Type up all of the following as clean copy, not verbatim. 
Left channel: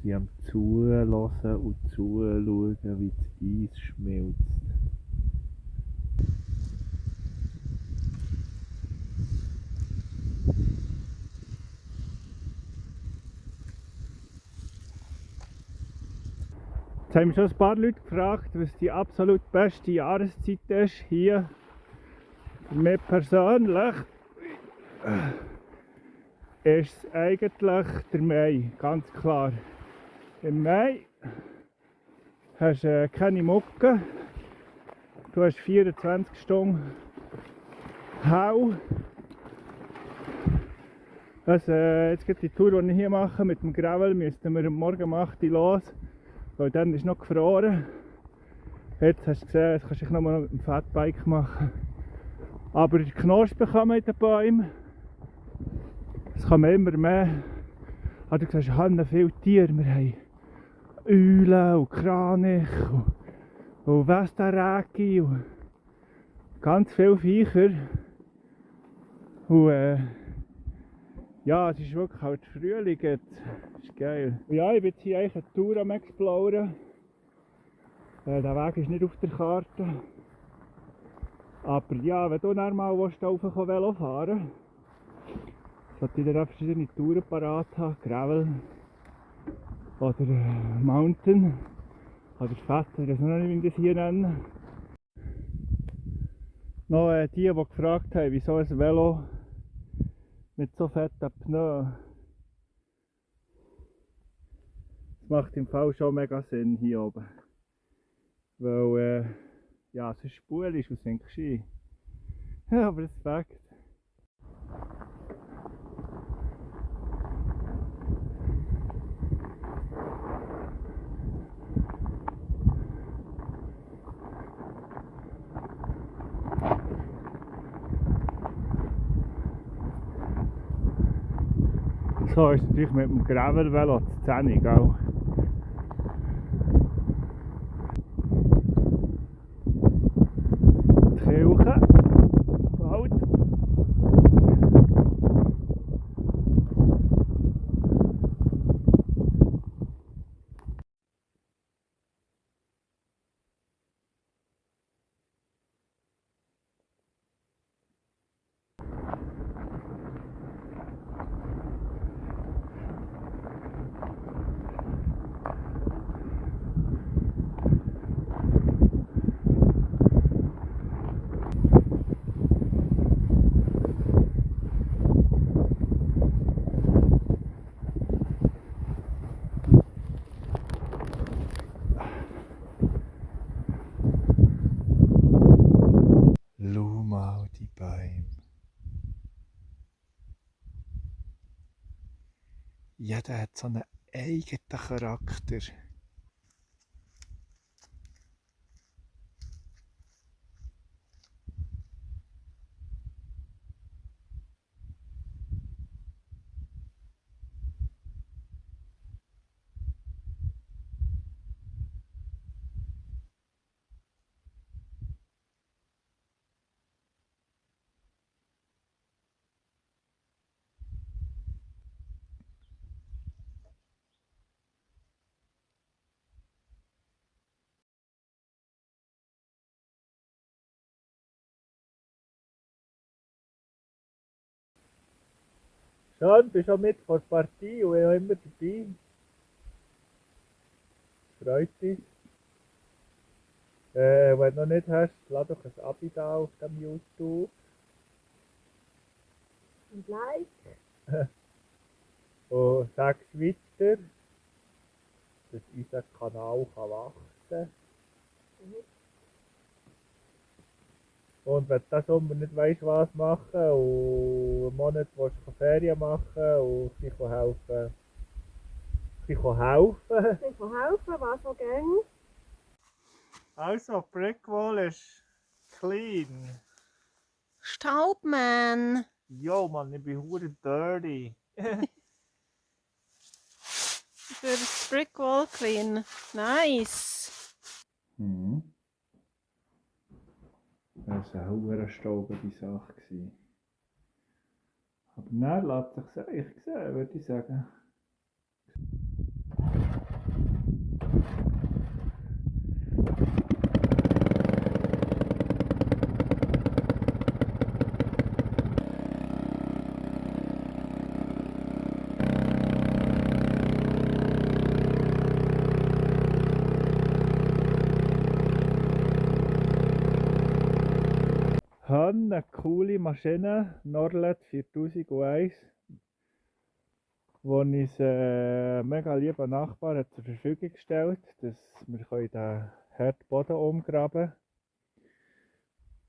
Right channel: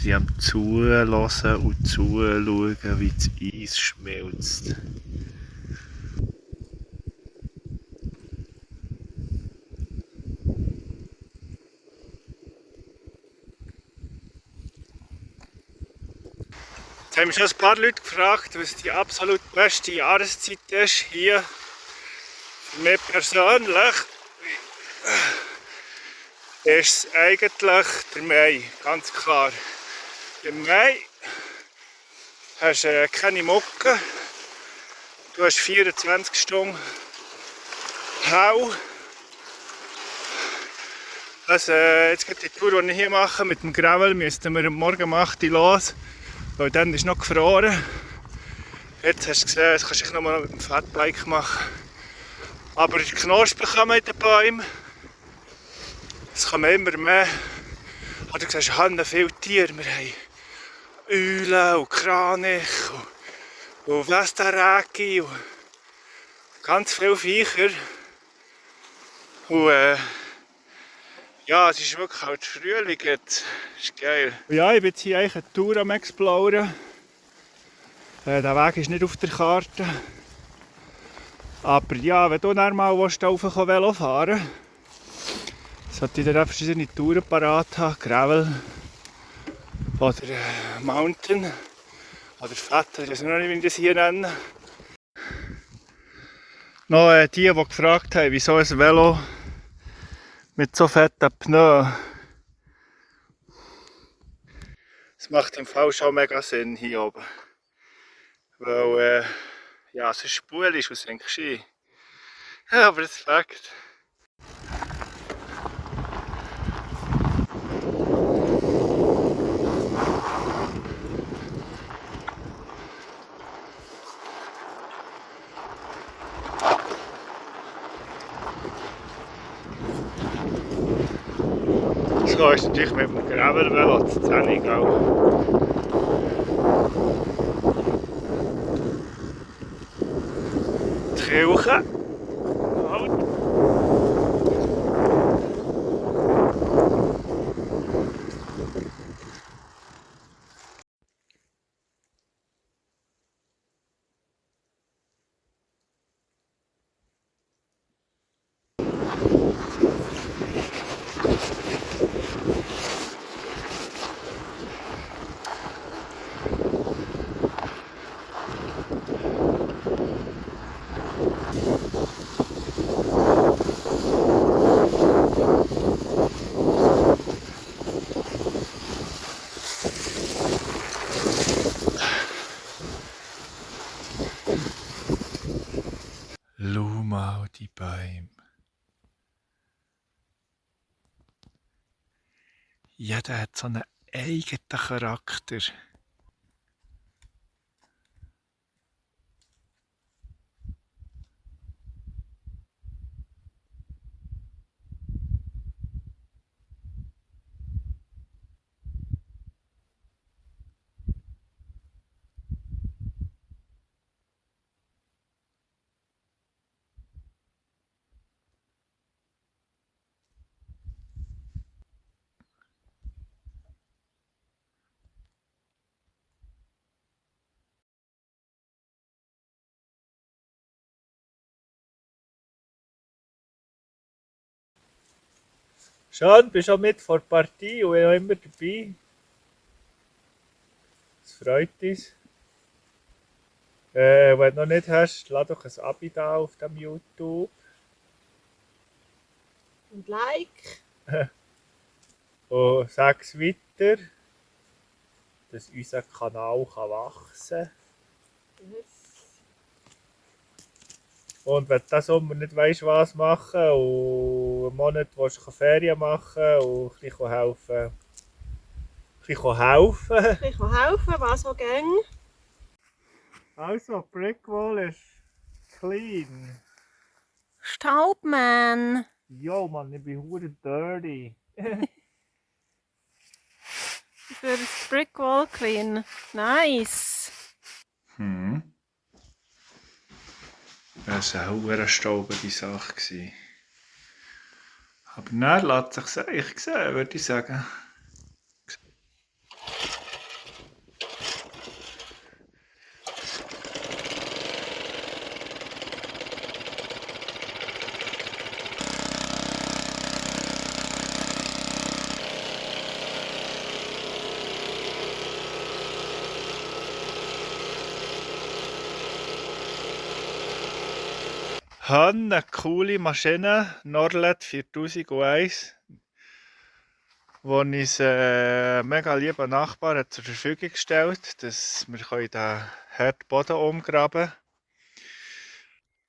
sind am Zuhören und Zuschauen, wie das Eis schmilzt. Jetzt haben mich schon ein paar Leute gefragt, was die absolut beste Jahreszeit ist hier. Für mich persönlich ist es eigentlich der Mai, ganz klar. Im Mai hast du keine Mucke, du hast 24 Stunden hell. Also, jetzt geht die Tour, die ich hier mache mit dem Gravel, müssten wir am Morgen um 8 Uhr los, weil dann ist noch gefroren. Jetzt hast du gesehen, das kannst du noch mal mit dem Fatbike machen. Aber die Knospen kommen in den Bäumen. Es kommen immer mehr. Du siehst, wir haben viele Tiere. Wir haben Eulen und Kranich und Westaraki und ganz viele Viecher. Und ja, es ist wirklich halt Frühling jetzt. Das ist geil. Und ja, ich bin jetzt hier eigentlich eine Tour am Exploren. Der Weg ist nicht auf der Karte. Aber ja, wenn du dann mal Velo fahren willst, sollte ich dann verschiedene Touren parat haben. Gravel oder Mountain oder Fett, ich weiß noch nicht, wie ich das hier nenne. Noch die gefragt haben, wieso ein Velo mit so fetten Pneus. Das macht im Fall schon mega Sinn hier oben. Weil ja, es ist spulig und sinkst ein. Ja, aber das ist Fakt. So ist natürlich mit dem Gravel-Velo zu 10, gell? Die Kirche. Schau mal die Bäume. Jeder hat so einen eigenen Charakter. Schön, bist auch mit vor der Partie und auch immer dabei. Das freut uns. Wenn du noch nicht hast, lass doch ein Abo da auf dem YouTube. Und Like. Und sag es weiter, dass unser Kanal wachsen kann. Yes. Und wenn du diesen Sommer nicht weißt, was machen und einen Monat willst du Ferien machen und ein bisschen helfen. Ein bisschen helfen. Ein bisschen helfen, was auch ging. Also, die Brickwall ist clean. Staubmann. Jo, Mann, ich bin hure dirty. Für das Brickwall clean. Nice. Das war eine hure staubige Sache. Aber dann lässt sich eigentlich sehen, würde ich sagen. habe eine coole Maschine, Norlet 4001, die uns mega lieber Nachbar hat zur Verfügung gestellt, dass wir den harten Boden umgraben können.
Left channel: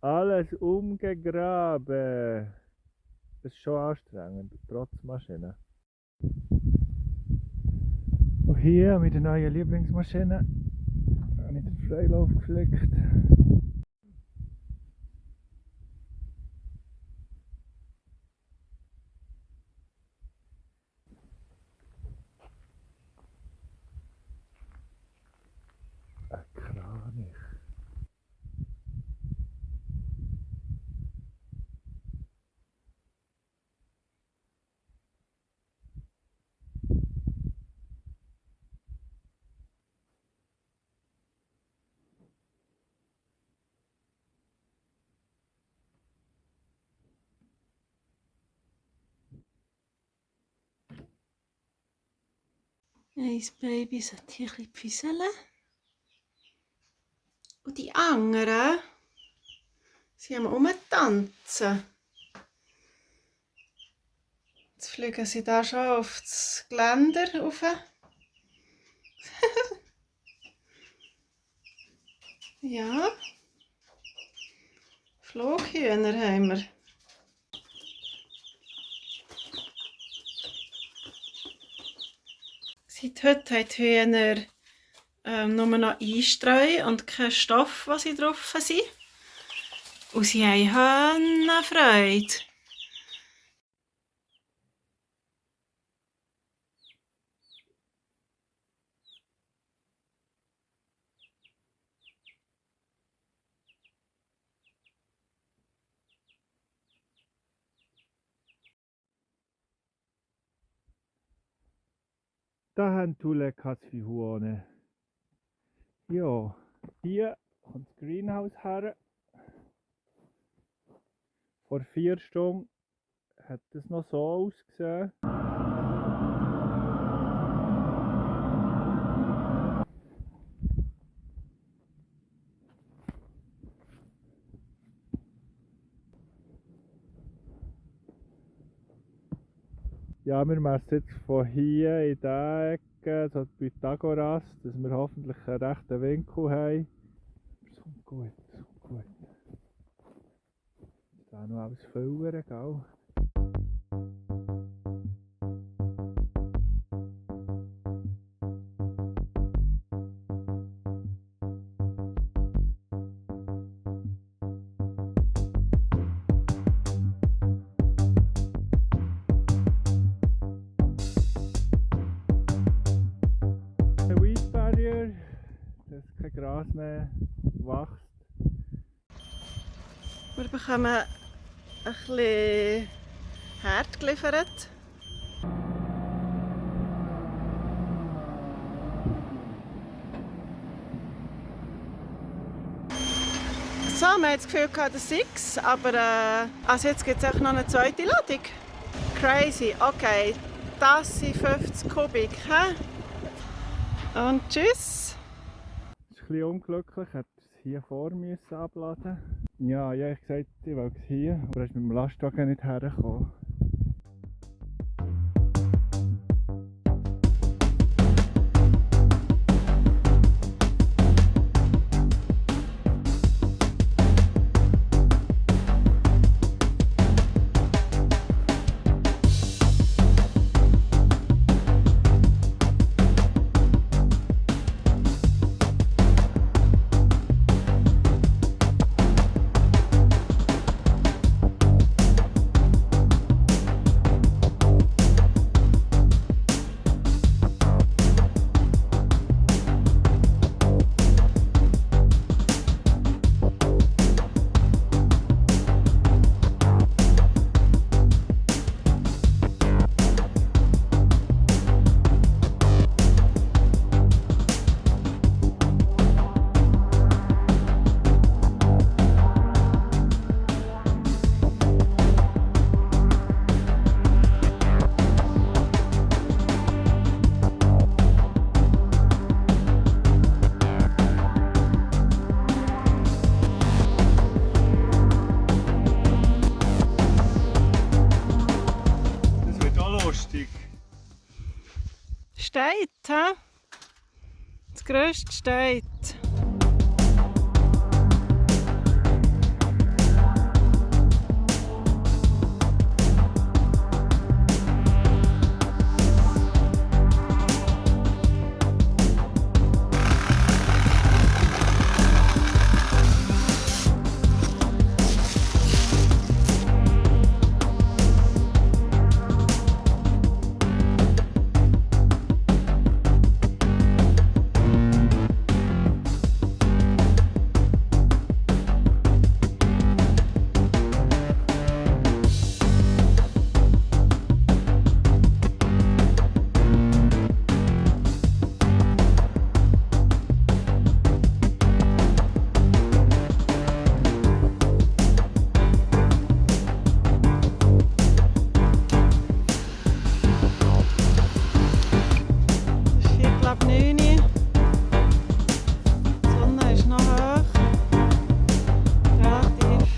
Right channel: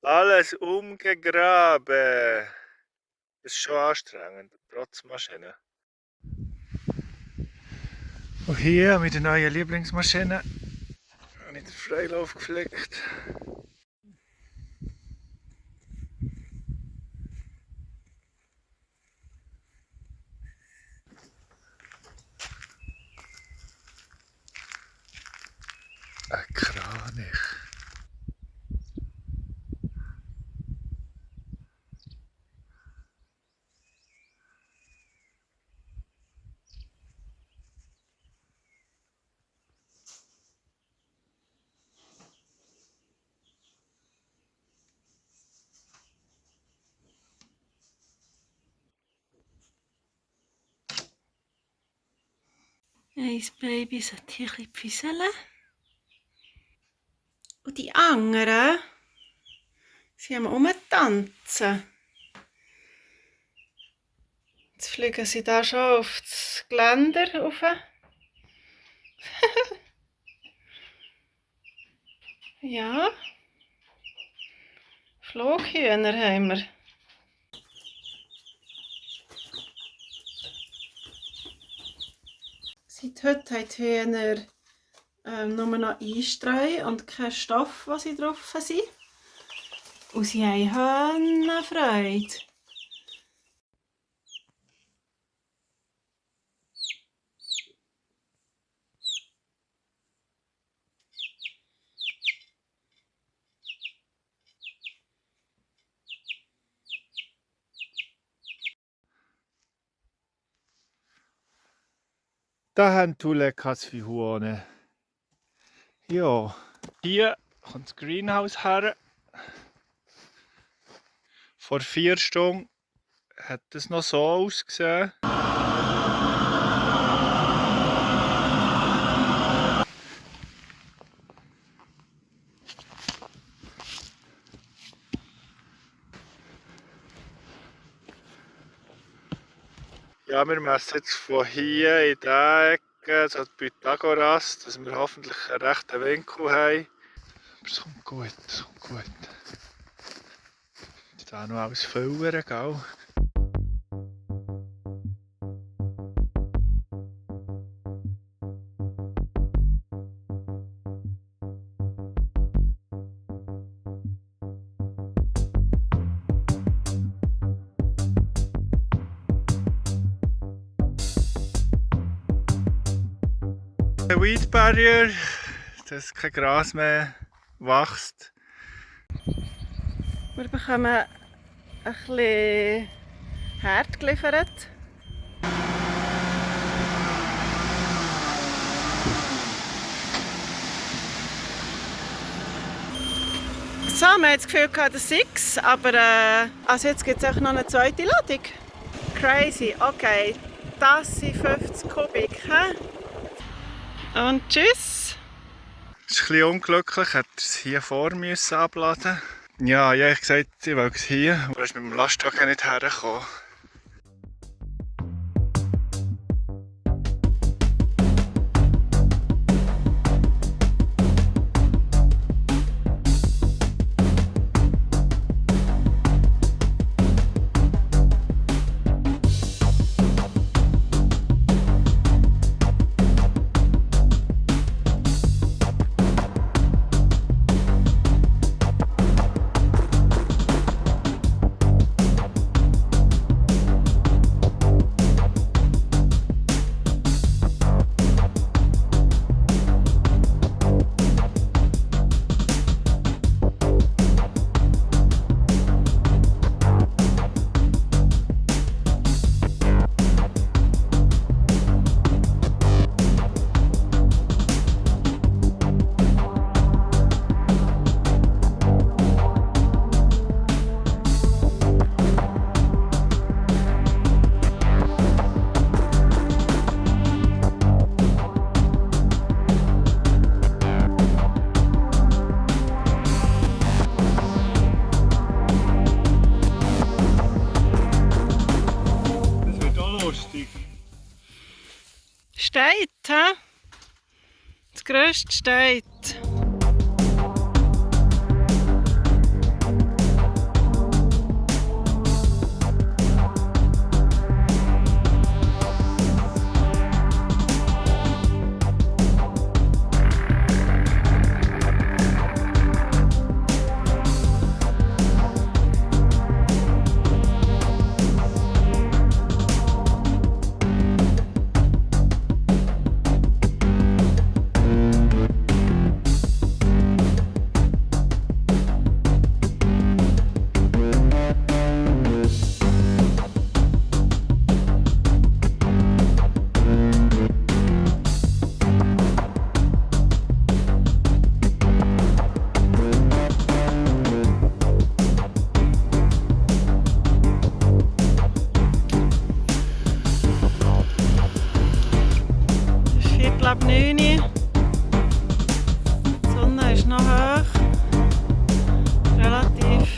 Alles umgegraben. Das ist schon anstrengend, trotz Maschine. Und hier mit der neuen Lieblingsmaschine habe ich den Freilauf gepflegt. Ein Kranich. Ein Baby sollte hier ein bisschen pfüseln. Und die anderen, sie haben rumtanzen. Jetzt fliegen sie da schon auf das Geländer rauf. Ja. Flughühner haben wir. Seit heute haben die Hühner nur noch Einstreu und keinen Stoff, was sie drauf sind. Und sie haben Freude. Da haben die Lekas für Huhne. Ja, hier kommt das Greenhouse her. Vor 4 Stunden hat es noch so ausgesehen. Ja, wir messen jetzt von hier in dieser Ecke, so die Pythagoras, dass wir hoffentlich einen rechten Winkel haben. Aber es kommt gut, es kommt gut. Jetzt auch noch alles füllen, gell? Der Weed Barrier, dass kein Gras mehr wächst. Wir bekommen ein bisschen Herd geliefert. So, wir haben das Gefühl, das sei es, aber also jetzt gibt es auch noch eine zweite Ladung. Crazy, okay, das sind 50 Kubik. He? Und tschüss! Es ist ein bisschen unglücklich, hätte es hier vor müssen abladen. Ja, ich habe gesagt, ich will es hier, aber er ist mit dem Lastwagen nicht hergekommen. Gerüst steht. Ab 9 Uhr. Die Sonne ist noch hoch. Relativ.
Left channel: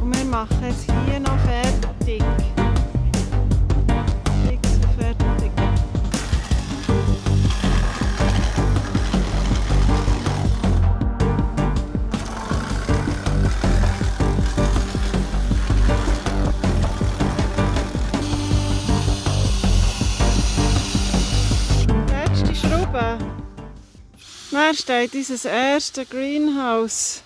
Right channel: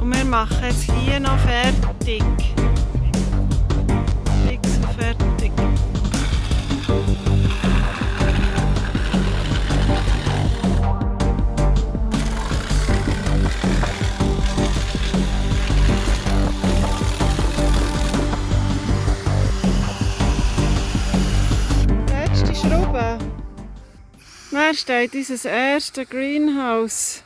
Und wir machen jetzt hier noch fertig. Fix und fertig. Wer steht unser erstes Greenhouse?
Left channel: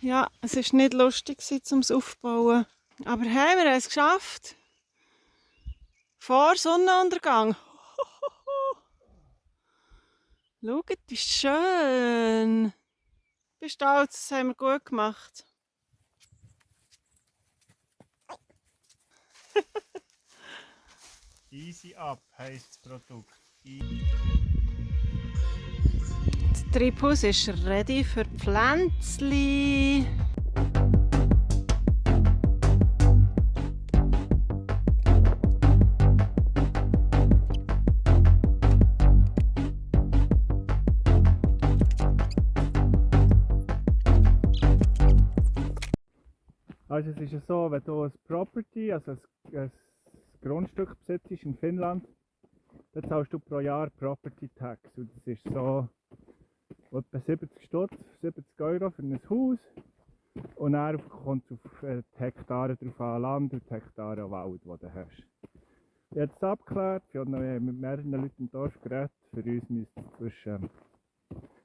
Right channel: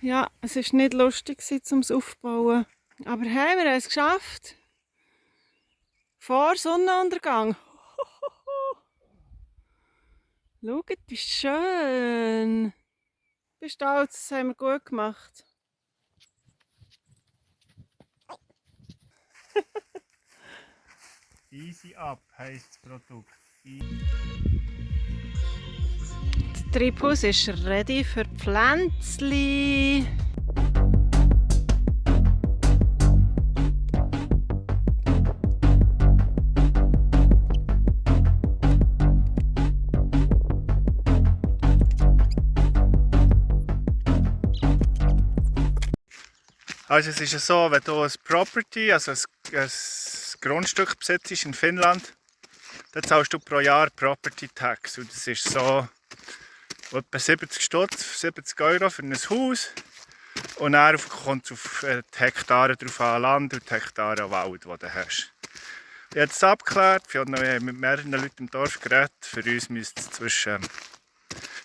Ja, es war nicht lustig, um es aufzubauen. Aber hey, wir haben es geschafft. Vor Sonnenuntergang. Schaut, wie schön. Bist du stolz? Das haben wir gut gemacht. Easy Up heisst das Produkt. Der Treibhaus ist ready für Pflänzli. Also es ist ja so, wenn du ein Property, also ein Grundstück besitzt in Finnland, dann zahlst du pro Jahr Property Tax. Und das ist so etwa 70 Stutz, 70 € für ein Haus. Und dann kommt es auf die Hektare drauf an Land und die Hektare Wald, die du hast. Ich habe es abgeklärt, wir haben mit mehreren Leuten im Dorf geredet. Für uns müsste es zwischen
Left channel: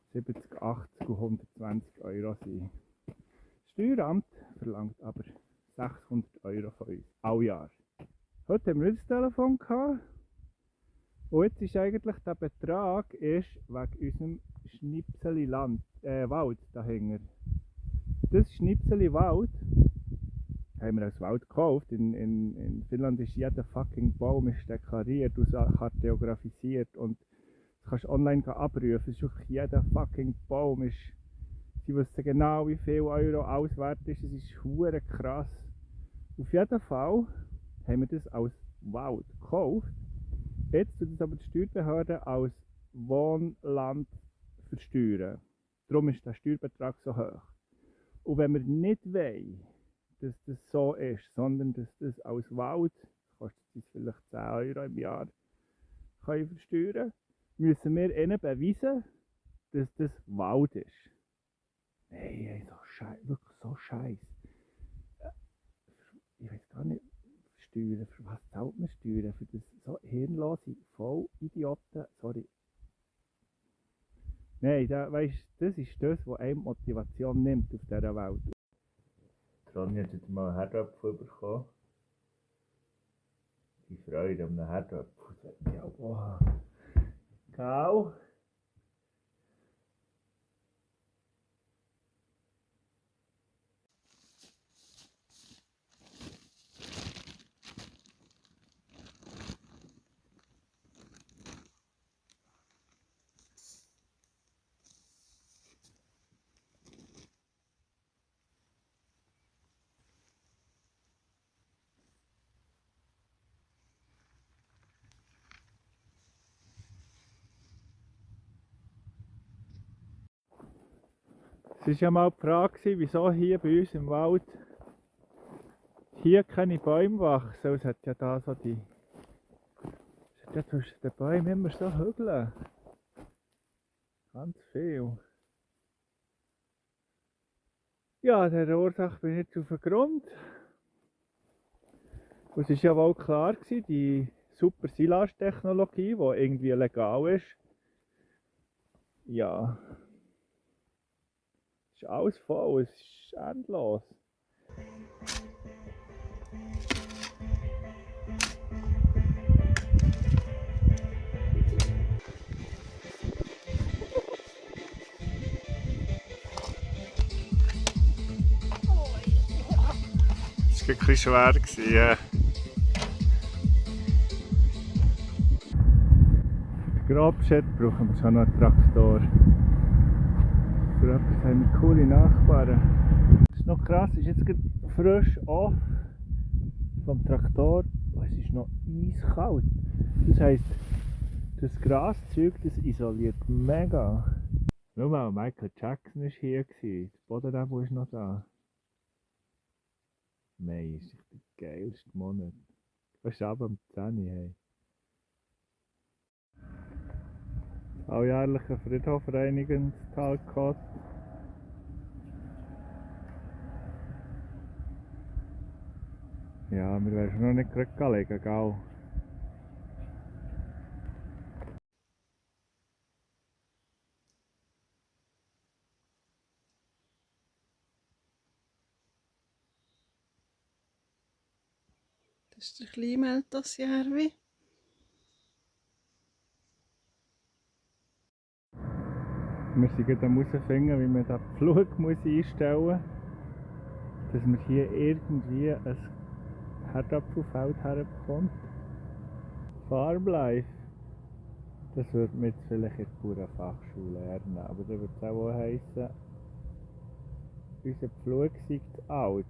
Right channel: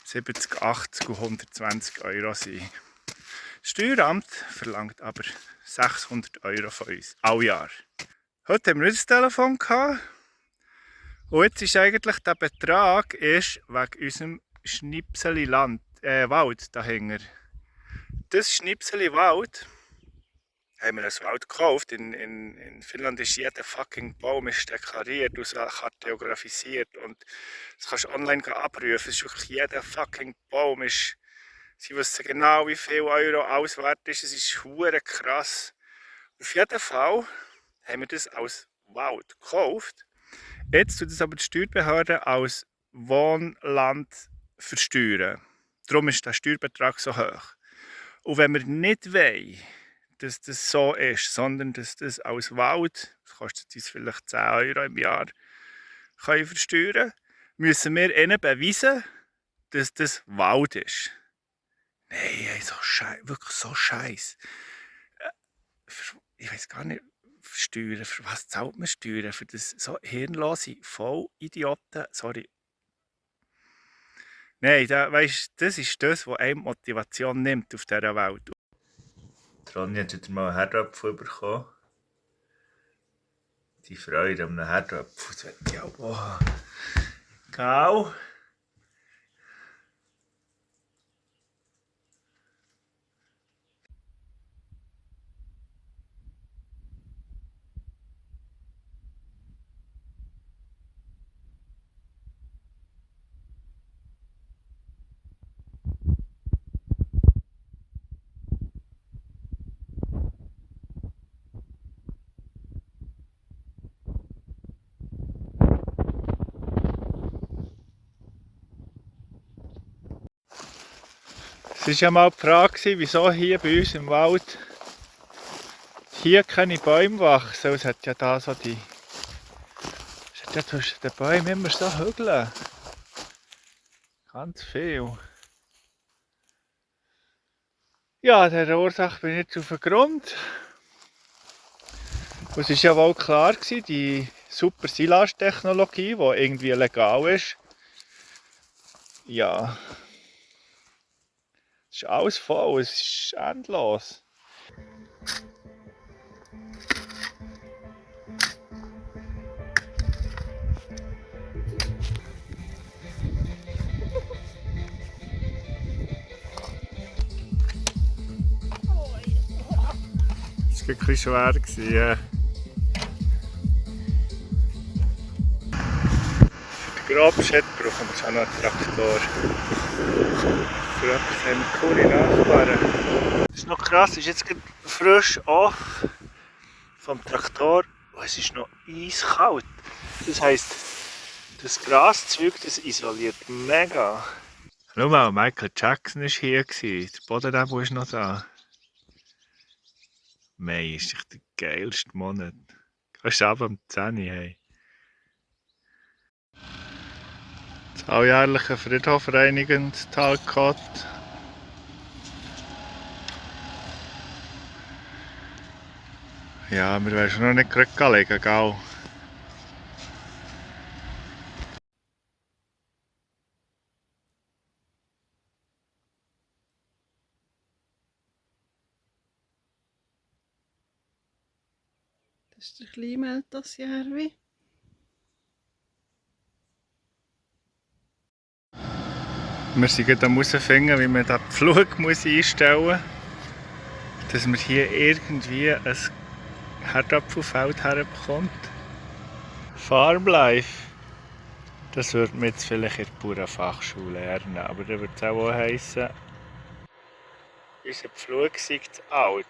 70, 80 und 120 € sein. Das Steueramt verlangt aber 600 € von uns, all Jahr. Heute haben wir unser Telefon gehabt. Und jetzt ist eigentlich der Betrag wegen unserem Schnipseli Wald dahinter. Das Schnipseli Wald haben wir als Wald gekauft. In Finnland ist jeder fucking Baum deklariert und kartografisiert. Und das kannst du online abrufen. Es ist wirklich jeder fucking Baum. Sie wissen genau, wie viel Euro alles wert ist. Es ist hure krass. Auf jeden Fall haben wir das als Wald gekauft. Jetzt tut es aber die Steuerbehörde als Wohnland versteuern. Darum ist der Steuerbetrag so hoch. Und wenn wir nicht wollen, dass das so ist, sondern dass das als Wald, das kostet uns vielleicht 10 € im Jahr, können versteuern, müssen wir ihnen beweisen, dass das Wald ist. Nein, wirklich so scheiße. Ich weiß gar nicht, Steuern, für was zahlt man Steuern? Für das so hirnlose Vollidioten? Sorry. Nein, das ist das, was einem Motivation nimmt auf dieser Welt. Ronja hat wieder mal einen Herdöpfel bekommen. Die Freude an einem Herdöpfel, das wird ja auch. Genau. Es war ja mal die Frage, wieso hier bei uns im Wald hier keine Bäume wachsen. Es hat ja da so da zwischen den Bäumen immer so Hügel. Ganz viel. Ja, der Ursache bin ich jetzt auf den Grund. Und es war ja wohl klar, die super Silage-Technologie, die irgendwie legal ist. Ja. Es ist alles voll, es ist endlos. Das war wirklich schwer. Für den Grabschett brauchen wir schon noch einen Traktor. Für etwas haben wir coole Nachbarn. Das ist noch krass, es ist jetzt gerade frisch off vom Traktor und es ist noch eiskalt. Das heisst, das Graszeug das isoliert mega. Schau mal, Michael Jackson war hier. Der Bodennebel ist noch da. Mai ist echt der geilste Monat. Gehst du ab am 10 Uhr, hey. Das alljährliche Friedhof reinigen, das Talcott. Ja, wir werden schon noch nicht gerade legen, gell? Das ist der Kleinmeltasjärvi. Wir sind gerade am herausfinden, wie man den Pflug einstellen muss, dass man hier irgendwie ein Herdapfelfeld herbekommt. Farblife. Das würde man jetzt vielleicht in der Bauernfachschule lernen, aber da würde es auch heissen, unser Pflug sei zu alt.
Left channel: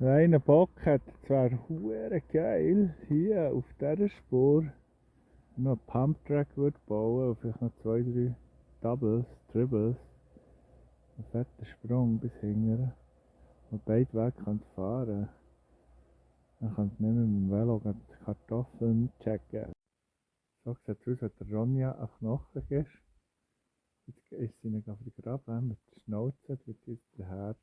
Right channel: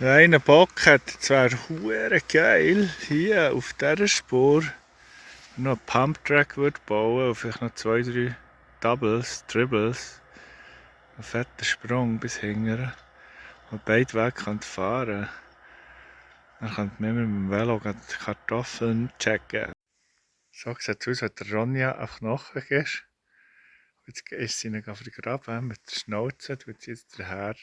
Ein Bock hat, es wäre hure geil, hier auf dieser Spur noch einen Pumptrack bauen und vielleicht noch 2, 3 Doubles, Triples. Einen fetten Sprung bis hinten. Und beide Wege fahren. Dann könnte man mit dem Velo die Kartoffeln checken. So sieht es aus, wenn der Ronja auf Knochen ist. Jetzt ist sie ihn vergraben mit der Schnauze, tut sie jetzt der Herd.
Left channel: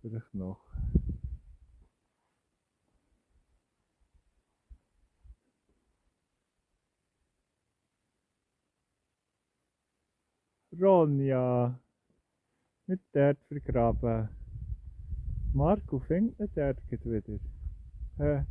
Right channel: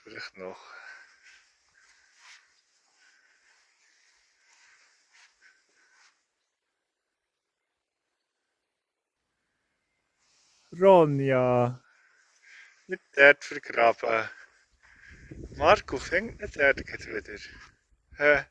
Vielleicht noch. Ronja! Nicht dort vergraben. Marco fängt nicht dort wieder. Hä?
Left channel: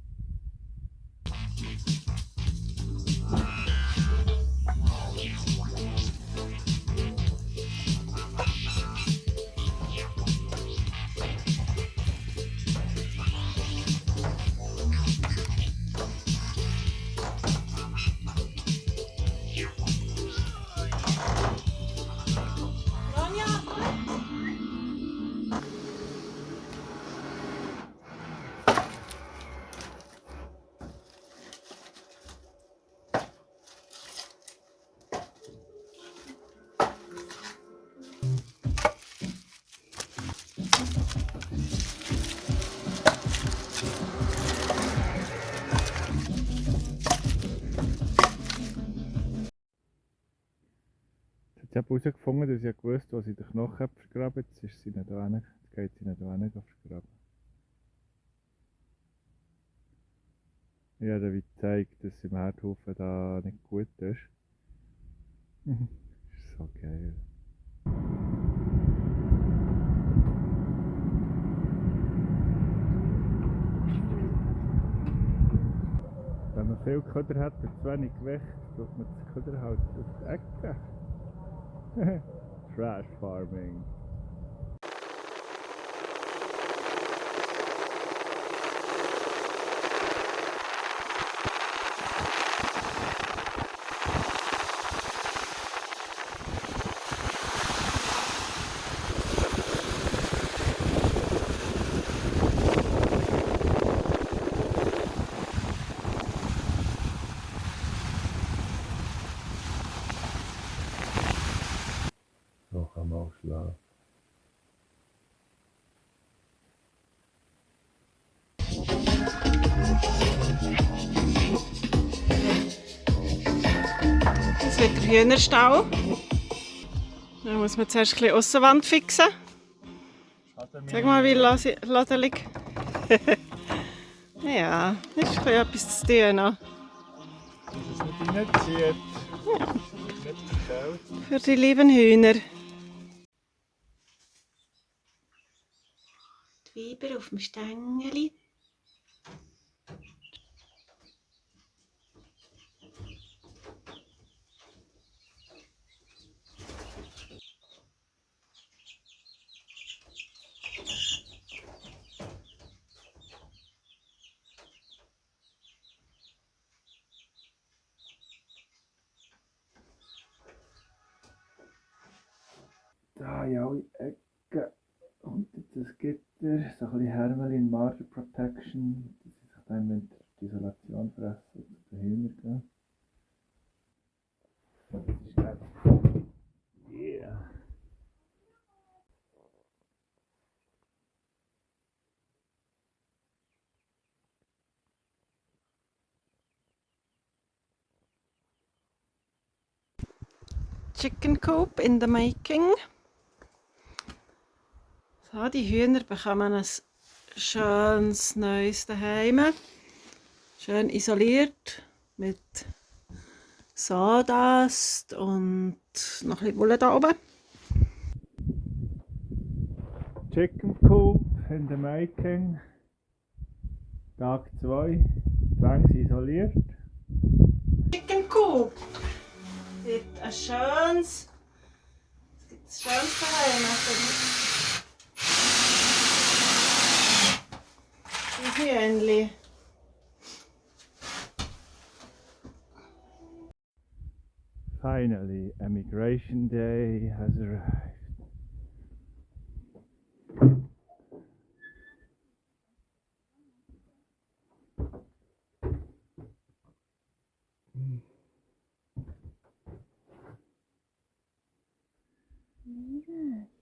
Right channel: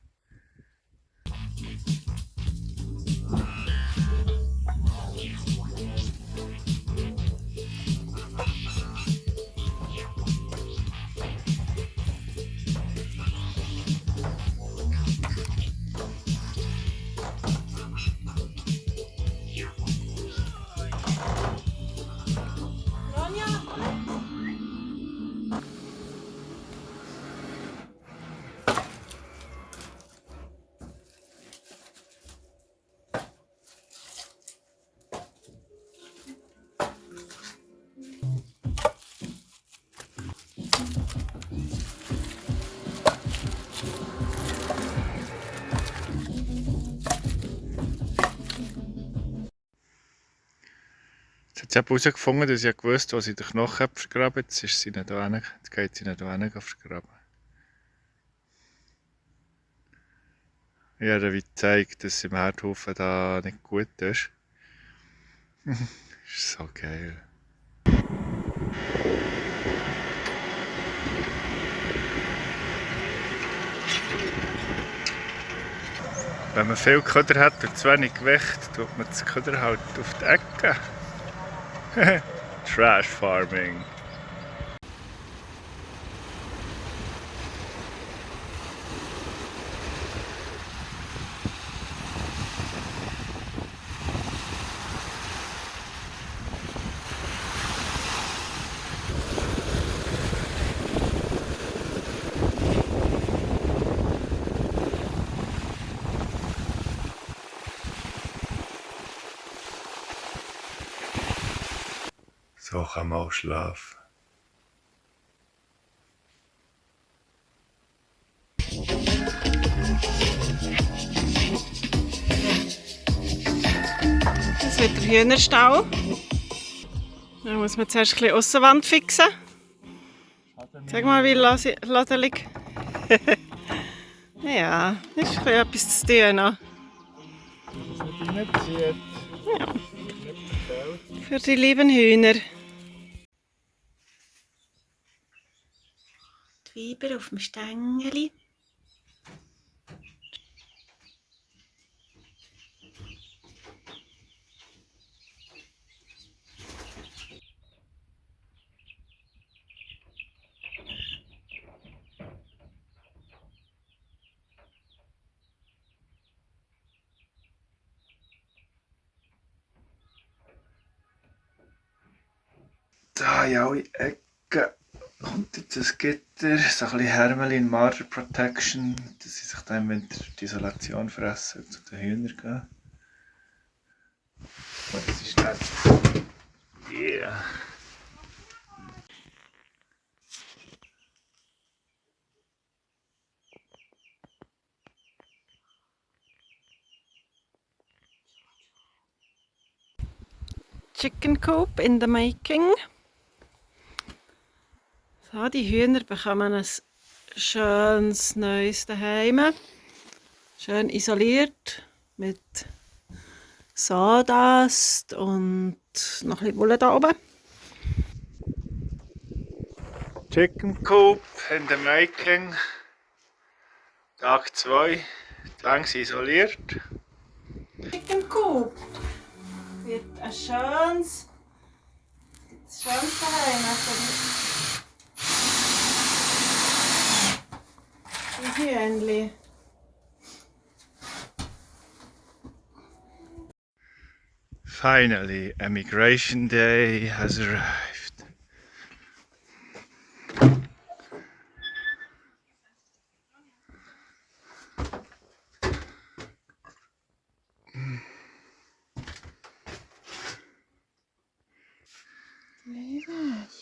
Jetzt hat sie herausgefunden, dass ich gewusst habe, wo sie den Knochen vergraben. Jetzt ist sie nicht da, jetzt geht sie nicht da vergraben. Ich habe ihr gezeigt, dass sie im Herdhaufen da nicht gut ist. Das ist so geil. Wenn man viel Köder hat und zu wenig Gewicht, tut man das Köder halt auf die Ecke. Trash Farming. So kann man auch schlafen. Das wird der Hühnerstall. Da muss man zuerst ein bisschen Aussenwand fixen. Sag mal, wie ladelig. Ja, das ist ein bisschen etwas zu tun noch. Dass es nicht reinzieht. Ja. Nicht verfällt. Für die lieben Hühner. Die Weiber auf dem Stängeli. Da in alle Ecken kommt jetzt ein Gitter, so ein bisschen Hermelin Marder Protection, dass sie sich dann im Winter die Isolation fressen und zu den Hühnern gehen. Oh, das ist nett. Yeah. Chicken Coop in the making. So, die Hühner bekommen ein schönes neues Zuhause. Schön isoliert mit Sawdust und noch ein bisschen Wolle da oben. Chicken Coop in the making. Tag 2. Die Wänge sind isoliert. Chicken Coop wird ein schönes Zuhause für die Hühnchen. Finally, Emigration Day has arrived.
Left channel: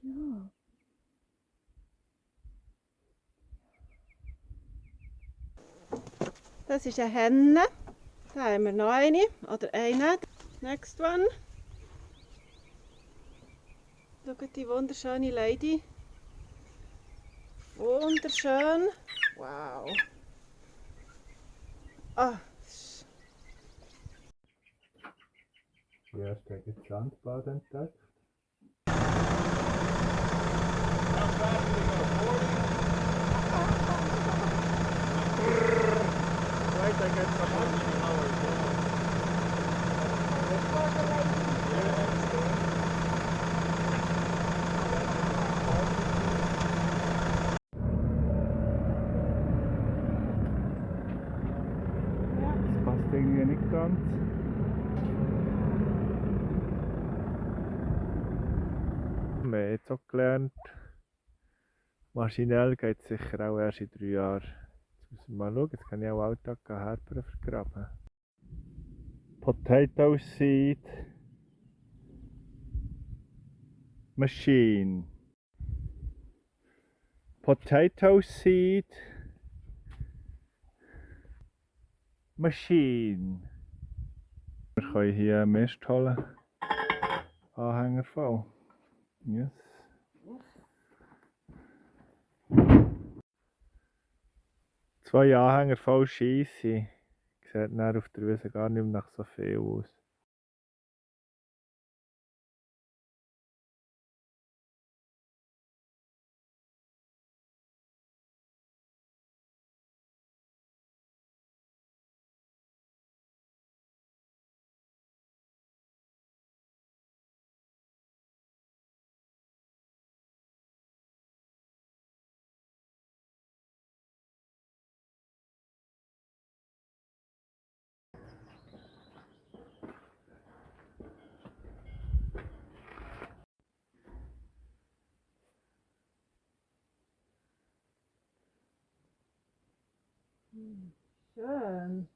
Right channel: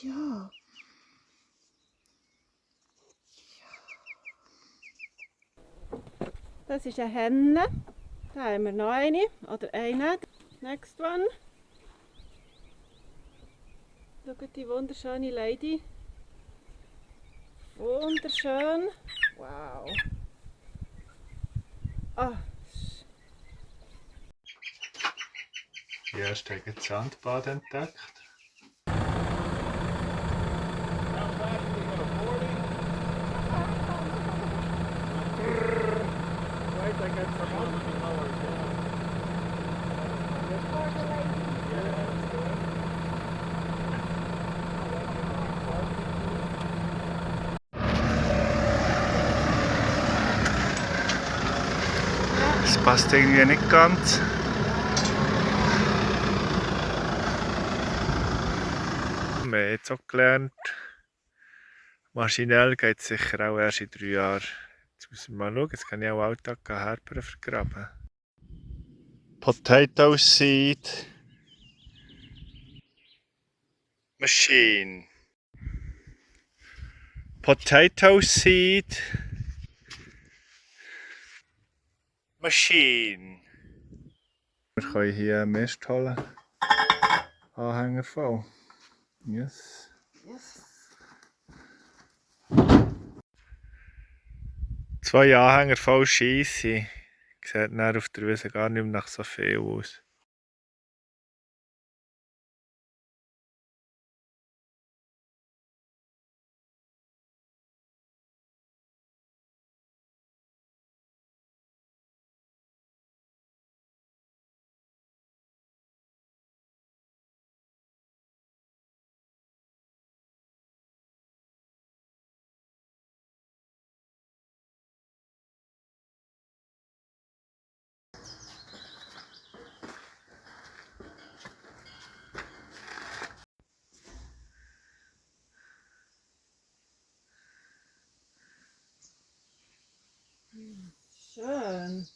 Ja. Das ist eine Henne. Da haben wir noch eine oder eine. Next one. Schaut die wunderschöne Lady. Wunderschön. Wow. Ah, Die erste hat das Sandbad entdeckt. Das passt irgendwie nicht ganz. Wir haben jetzt auch gelernt, maschinell geht es sicher auch erst in 3 Jahren. Jetzt müssen wir mal schauen, jetzt kann ich auch Alltag Herber vergraben. Potato Seed Machine. Potato Seed Machine. Wir können hier Mist holen. Anhänger voll. Yes. yes. 2 Anhänger voll Scheisse. Sieht dann auf der Wiese gar nicht mehr nach so viel aus. Schön.